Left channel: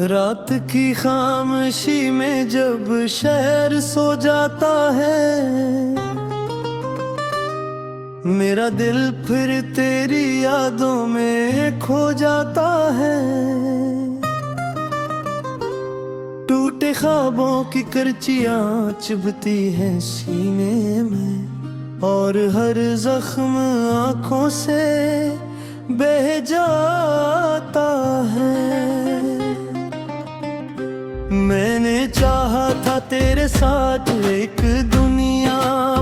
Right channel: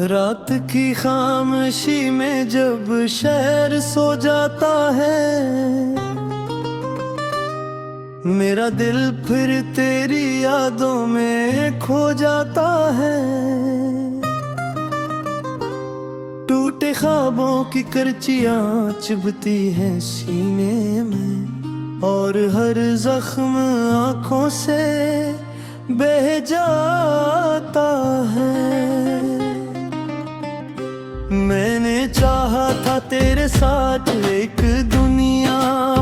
रात की खामोशी में जब शहर सो जाता है, मेरा दिल फिर तेरी यादों में खो जाता है। टूटे ख्वाबों की करचियां चुभती हैं सीने में, और हर जख्म आंखों से बह जाता है। मैंने चाहा था तेरे साथ एक दुनिया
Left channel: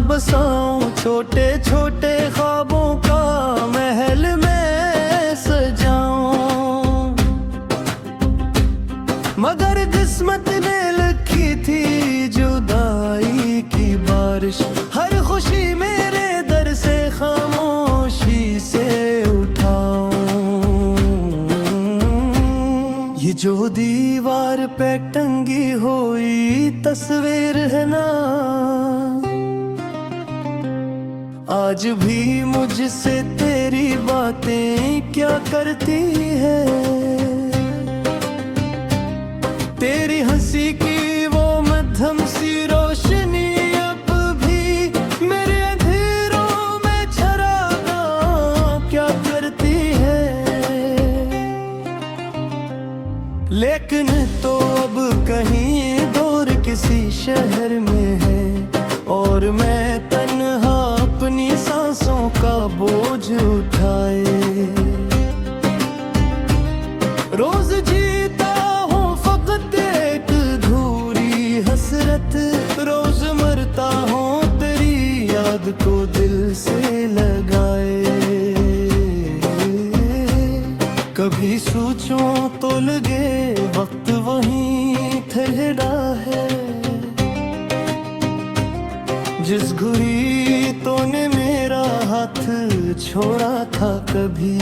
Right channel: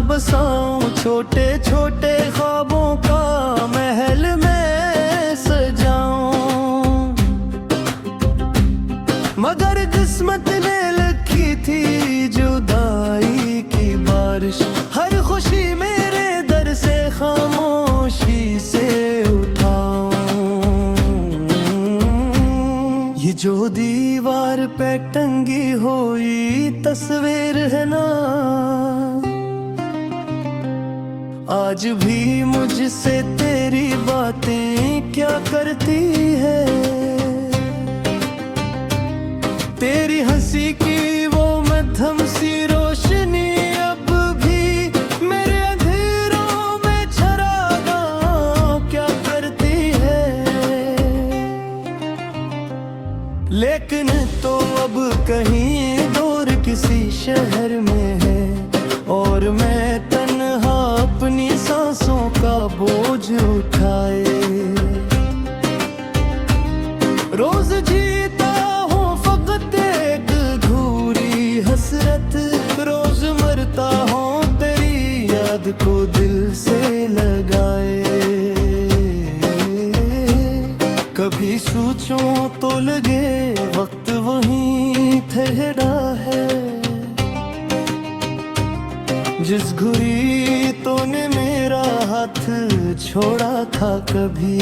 बसाऊं, छोटे छोटे ख्वाबों का महल मैं सजाऊं, मगर किस्मत ने लिखी थी जुदाई की बारिश। हर खुशी मेरे दर से खामोशी से उठाऊं। ये जो दीवार पे टंगी हुई तस्वीर है ना, आज भी मुझसे तेरी बातें क्या करती है। तेरी हंसी की वो मध्यम सी रोशनी अब भी मेरे अंधेरों में चरागाह क्या करती है। लेकिन तो अब कहीं दूर किसी शहर में है, और मैं तन्हा अपनी सांसों का बोझ उठाए। रोज जीता हूँ फकत एक अधूरी हसरत, रोज मरता हूँ तेरी याद को दिल से लगाए। कभी सोचूं तो लगे वक्त वहीं ठहरा है, जिस घुरी तूने मेरा हाथ छोड़ा था कभी।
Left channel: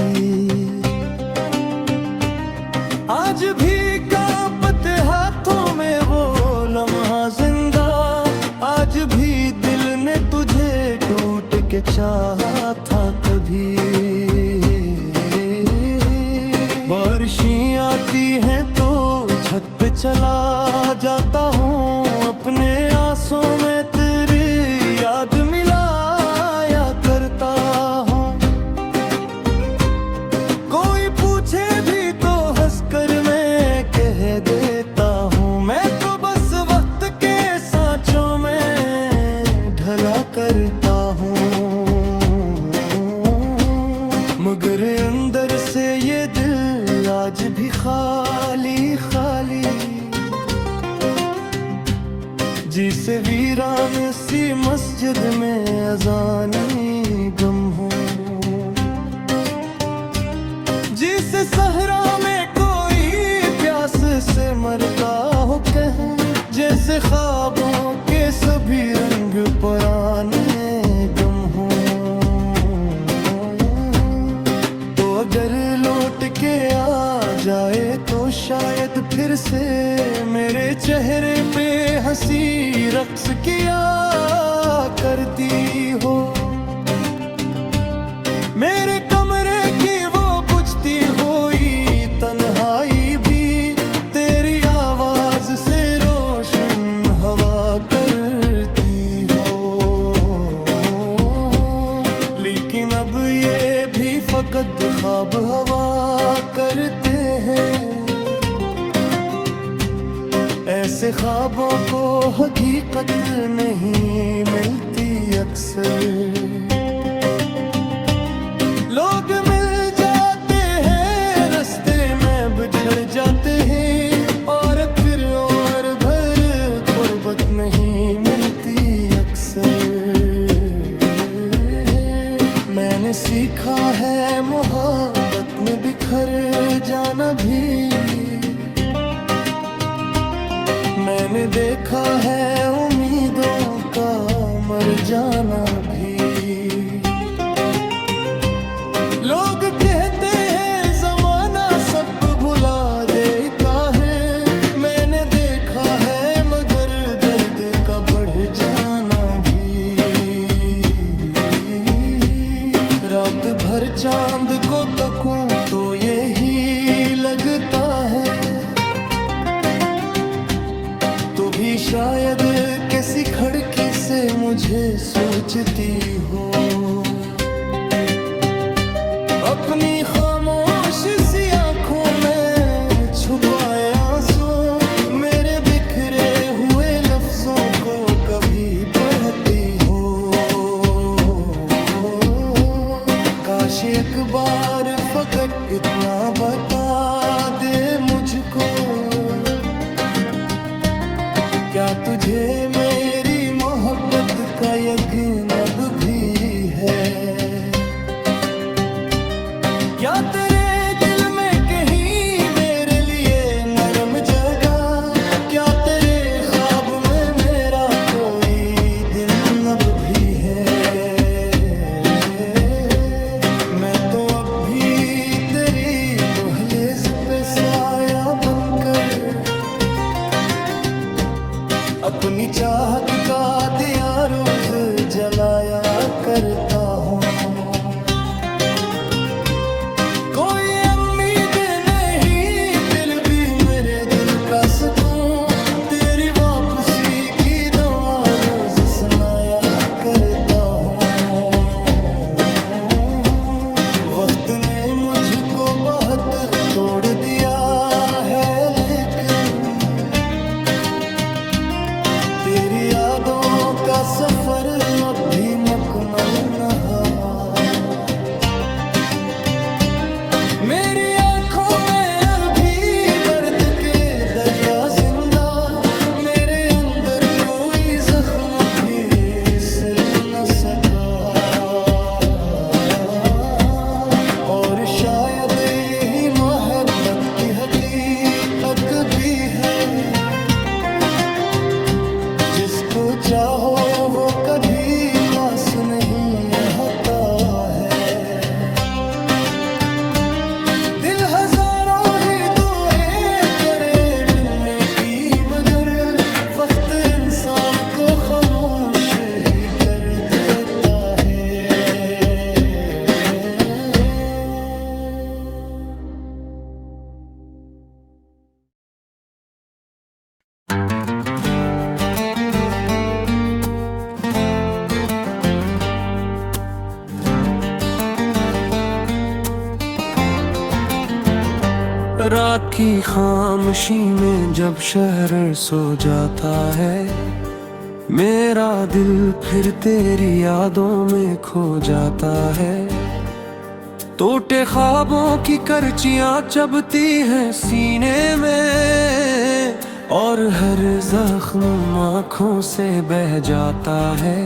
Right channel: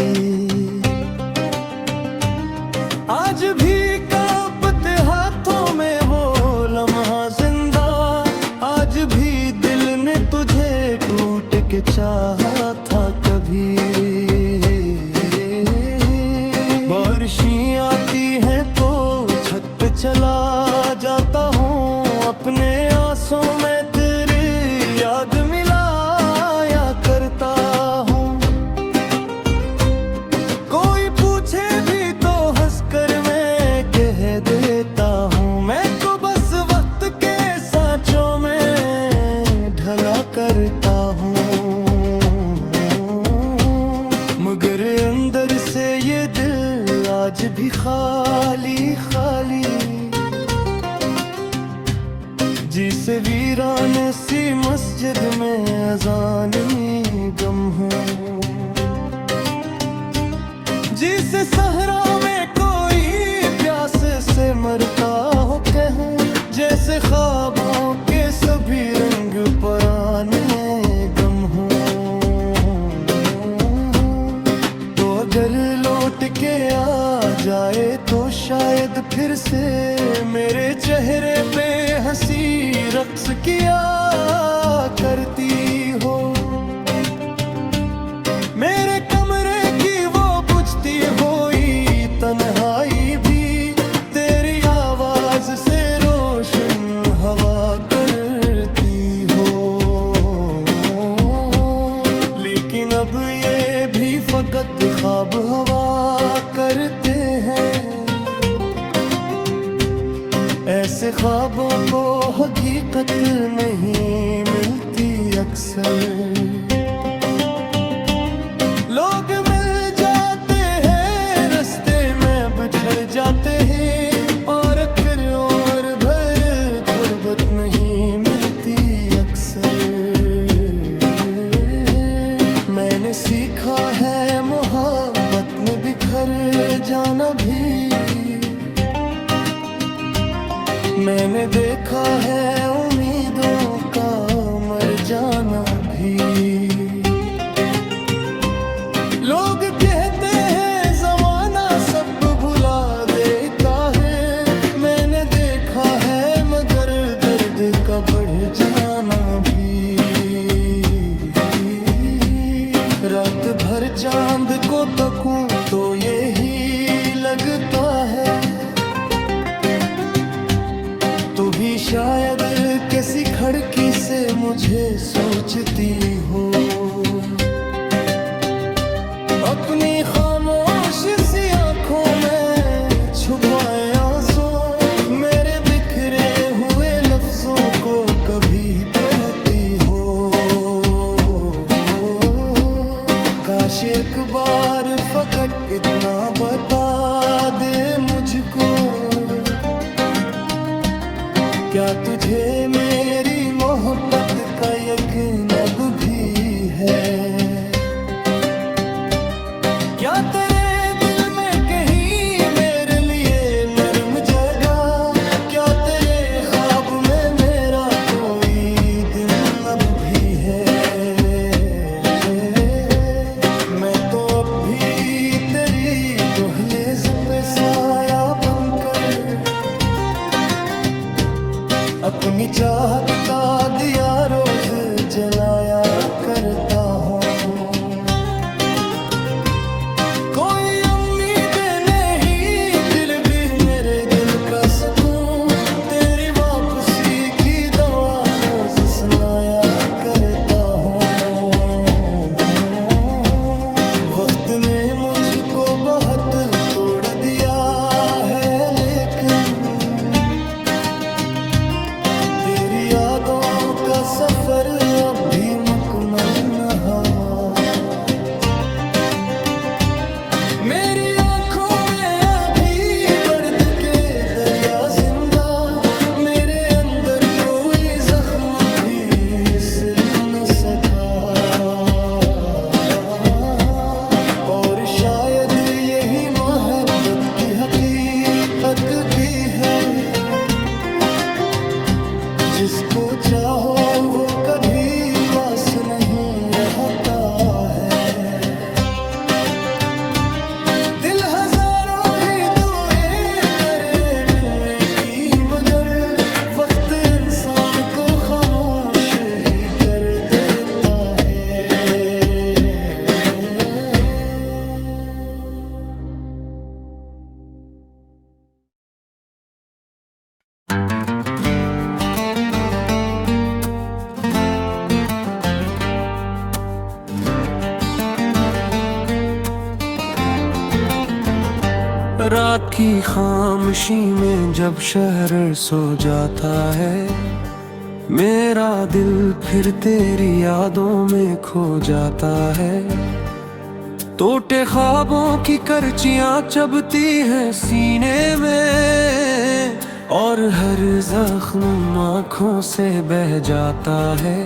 आज भी कांपते हाथों में वो लम्हा जिंदा, आज भी दिल ने तुझे टूट के चाहा था कभी। बारिशें आती हैं तो छत पे चला जाता हूँ, अपने आंसू में तेरी याद मिलाया करता हूँ। कोई पूछे भी तो हंसकर मैं कह देता हूँ, मैं तो बस वक्त के सांचों में ढला करता हूँ। मगर अंदर से ये दिल आज भी खाली खाली, जिसे वीरान सी मस्जिद में अजानी गम हो, जिसे सहरा में कोई प्यास से मरता हो कहूँ, जैसे ख्वाबों के सभी रंग पुराने गम हो। अगर लौट के आ जाए तो शायद फिर से मेरे चेहरे पे हंसी रक्स किया करती हो। मेरे कमरे की वो बुझती हुई तन्हाई भी तेरी आवाज से रोशन हवा करती हो। लेकिन अब ये भी फकत ख्वाब हवा करते हैं, ऐसे ख्वाबों को हकीकत नहीं मिलती अक्सर। लोग मिल जाते हैं रास्ते में बिछड़ जाते हैं, और फिर और भर कुर्बत नहीं मिलती अक्सर। मैंने सीखा है मोहब्बत में बिखर जाना भी, मैंने देखा है उम्मीदों का मर जाना भी। लोग कहते हैं जमाना सब भुला देता है, मैंने देखा है मगर दर्द का बढ़ जाना भी। रात भर चांद को तकूं तो यही लगता है, तू भी शायद किसी खिड़की से मुझे सोचती हो, अपनी खामोश सी आंखों में छुपाए आंसू, मेरे बिखरे हुए लफ्जों को कभी पढ़ती हो। काश एक बार फकत इतना बता दे मुझको, क्या तुझे मेरी मोहब्बत का यकीन अब भी है? क्या तेरे दिल में कहीं मेरे लिए नरम जगह, क्या तेरे ख्वाब में मेरा कोई दिन अब भी है? मैं तो अब भी तेरी दहलीज पे साया बनकर अपनी चाहत का दिया रोज जलाया करता हूँ। कोई उम्मीद नहीं, दिल भी मेरे दिल का सुकून, तेरी वापसी की दुआ रोज सुनाया करता हूँ। वक्त ने मुझको बहुत तोड़ दिया है, लेकिन तेरी यादों का सफर अब भी मुकम्मल न हुआ। मेरी आंखों में अभी दर्द के दरिया जिंदा, मेरे अंदर कोई जख्म भी सिल न सका। और शायद यही मोहब्बत की हकीकत भी है, जिसको चाहो वो कभी पास नहीं रहता है। दिल हजारों ही दुआएं करे मिलने की, मगर वक्त इंसान को खामोश ही कर देता है। रात की खामोशी में जब शहर सो जाता है, मेरा दिल फिर तेरी यादों में खो जाता है। टूटे ख्वाबों की करचियां चबती हैं सीने में, और हर जख्म आँखों से बह जाता है।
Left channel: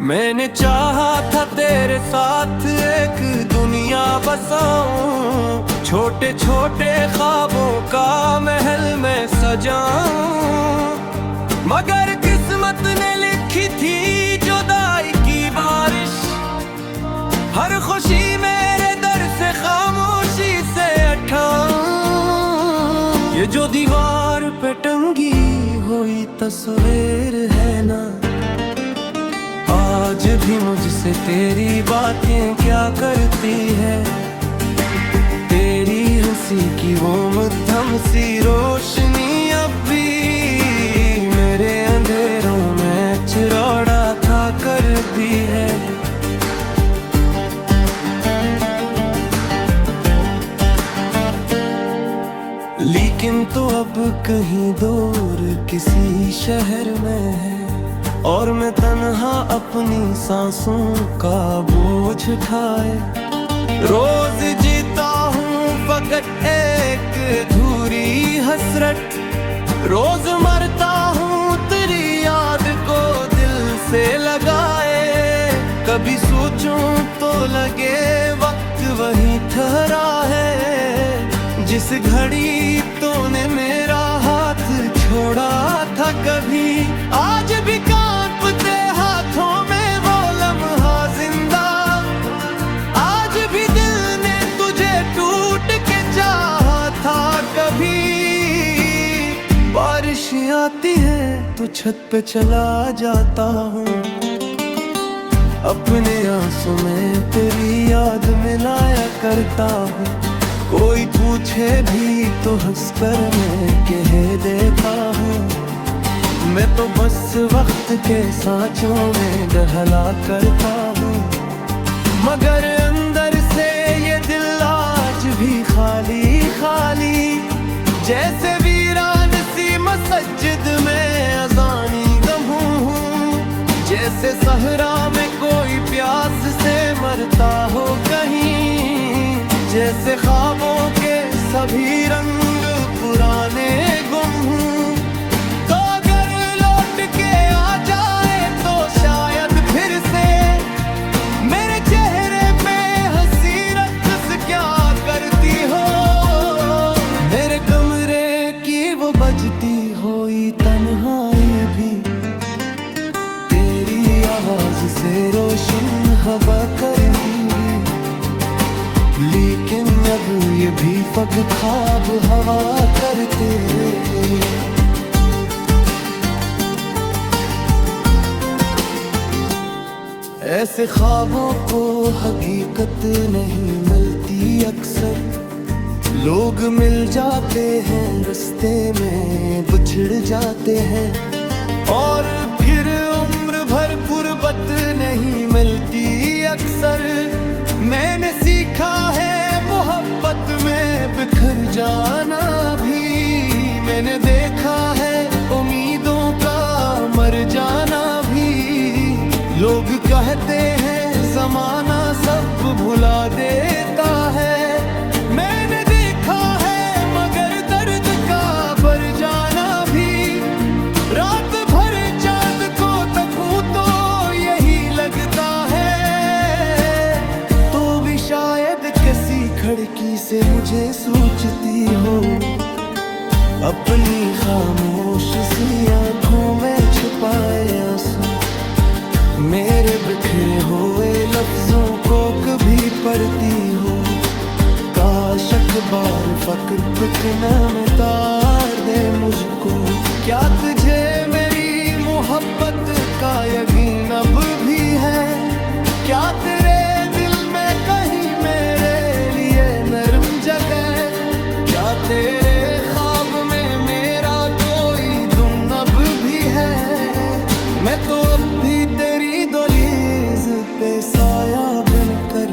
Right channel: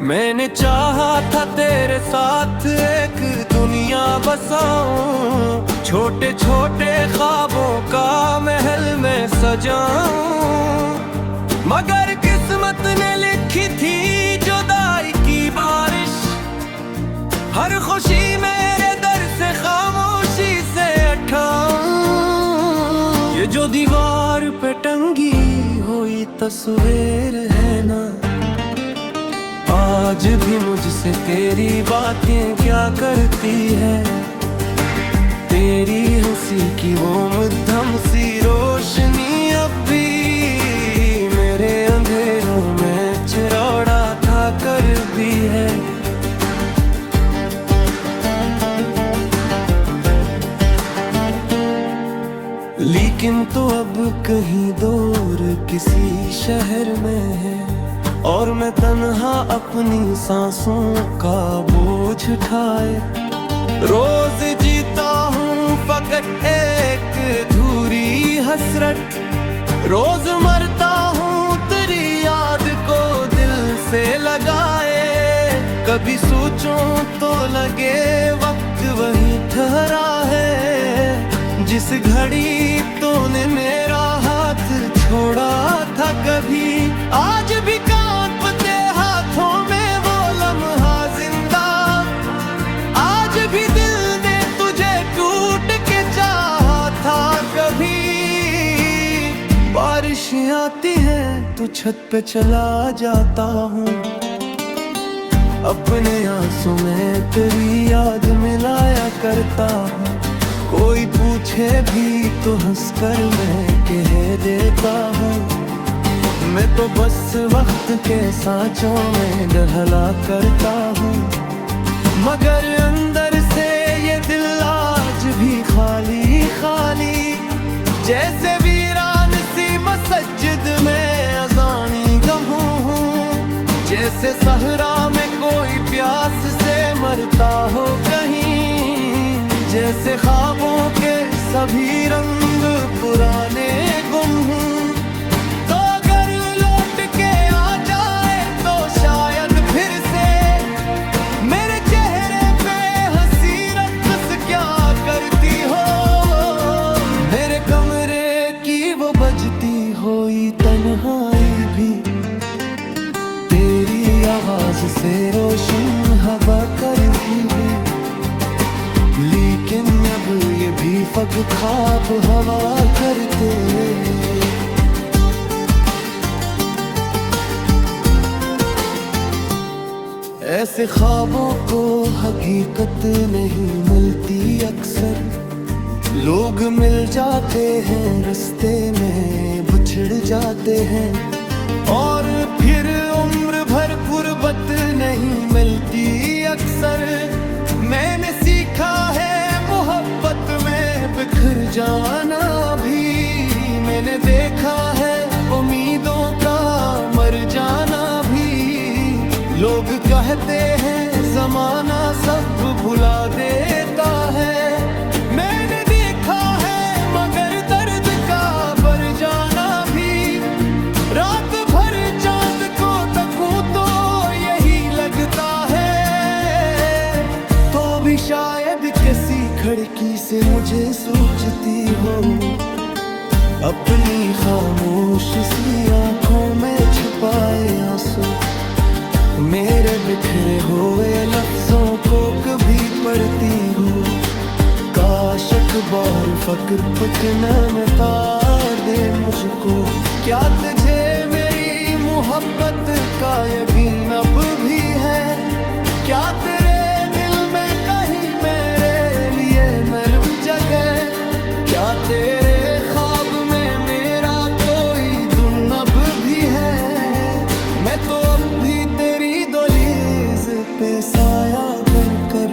मैंने चाहा था तेरे साथ एक दुनिया बसाऊं, छोटे छोटे ख्वाबों का महल में सजाऊं, मगर किस्मत ने लिखी थी जुदाई की बारिश। हर खुशी मेरे दर से खामोशी से उठाऊं। ये जो दीवार पे टंगी हुई तस्वीर है ना, आज भी मुझसे तेरी बातें क्या करती है। तेरी हंसी की वो मध्यम सी रोशनी अब भी मेरे अंधेरों में चिराड़ा था कर भी है। लेकिन तो अब कहीं दूर किसी शहर में है, और मैं तन्हा अपनी सांसों का बोझ उठाए। रोज जीता हूँ फकत एक अधूरी हसरत, रोज मरता हूँ तेरी याद को दिल से लगाए। कभी सोचूं तो लगे वक्त वहीं ठहरा है, जिस घड़ी तूने मेरा हाथ छोड़ा था कभी। आज भी कांपते हाथों में वो लम्हा जिंदा, आज भी दिल ने तुझे टूट के चाहा था कभी। बारिश आती है तो छत पे चला जाता हूँ, अपने आंसू में तेरी याद मिलाया करता हूँ। कोई पूछे भी तो हंसकर मैं कह देता हूँ, मैं तो बस वक्त के सांचों में डहला करता हूँ। मगर अंदर से ये दिल आज भी खाली खाली, जैसे वीरान सी मस्जिद में अजानी गम हूँ। जैसे सहरा में कोई प्यास से मरता हो कहीं, जैसे ख्वाबों के सभी रंग पुराने गुम हूँ। तो अगर लौट के आ जाए तो शायद फिर से मेरे चेहरे पे हंसी रक्स क्या करती हो। मेरे कमरे की वो बजती हुई तन्हाई भी तेरी आवाज से रोशन हवा करती हुई, लेकिन अब ये भी फग ख्वाब हवा करते। ऐसे ख्वाबों को हकीकत नहीं मिलती अक्सर, लोग मिल जाते हैं रास्ते में बिछड़ जाते हैं, और फिर उम्र भर गुर्बत नहीं मिलती अक्सर। मैंने सीखा है मोहब्बत में बिखर जाना भी, मैंने देखा है उम्मीदों का मर जाना भी। लोग कहते हैं जमाना सब भुला देता है, मैंने देखा है मगर दर्द का बढ़ जाना भी। रात भर चांद को तकूं तो यही लगता है, तो भी शायद किसी खिड़की से मुझे सोचती हो। अपनी खामोश सी आंखों में छुपाए आंसू, मेरे बिखरे हुए लफ्जों को कभी पढ़ती हो। काश अखबार फक्र बिकना में तार दे मुझको। क्या तुझे मेरी मोहब्बत का यकीन अब भी है? क्या तेरे दिल में कहीं मेरे लिए नरम जगह? क्या तेरे ख्वाब में मेरा कोई धुन अब भी है? मैं तो अब भी तेरी दहलीज पे साया बनकर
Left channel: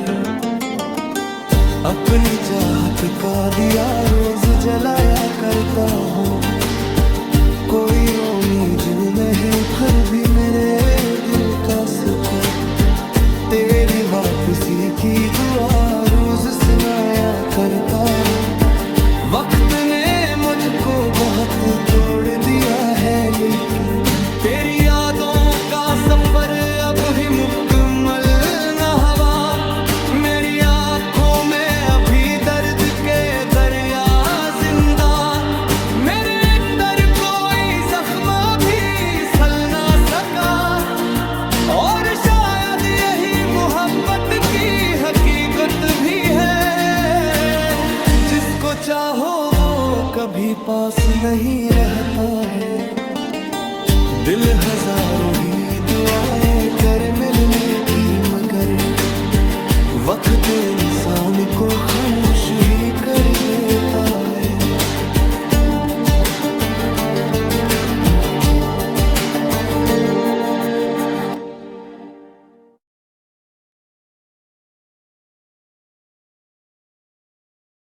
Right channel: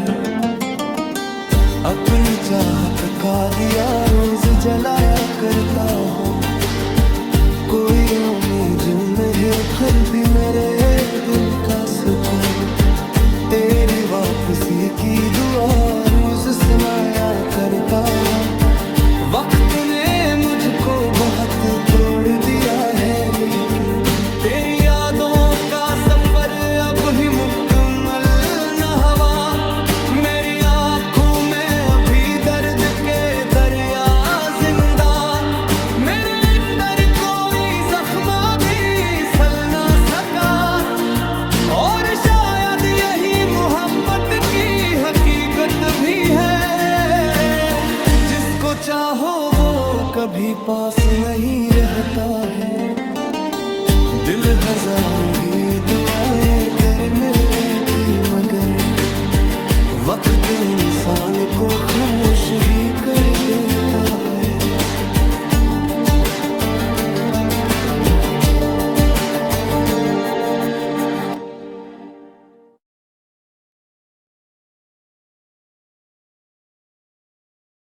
अपनी चाहत का दिया रोज जलाया करता हूँ। कोई उम्मीद नहीं फिर भी मेरे दिल का सुकून, तेरी वापसी की दुआ रोज सुनाया करता हूँ। वक्त ने मुझको बहुत तोड़ दिया है, लेकिन तेरी यादों का सफर अब भी मुकम्मल न हुआ। मेरी आंखों में अभी दर्द के दरिया जिंदा, मेरे अंदर कोई जख्म भी सल ना सका। और शायद यही मोहब्बत की हकीकत भी है, जिसको चाहो वो कभी पास नहीं रहता है। दिल हजारों ही दुआएं कर मिलने की, मगर वक्त इंसान को खामोश ही कर देता है।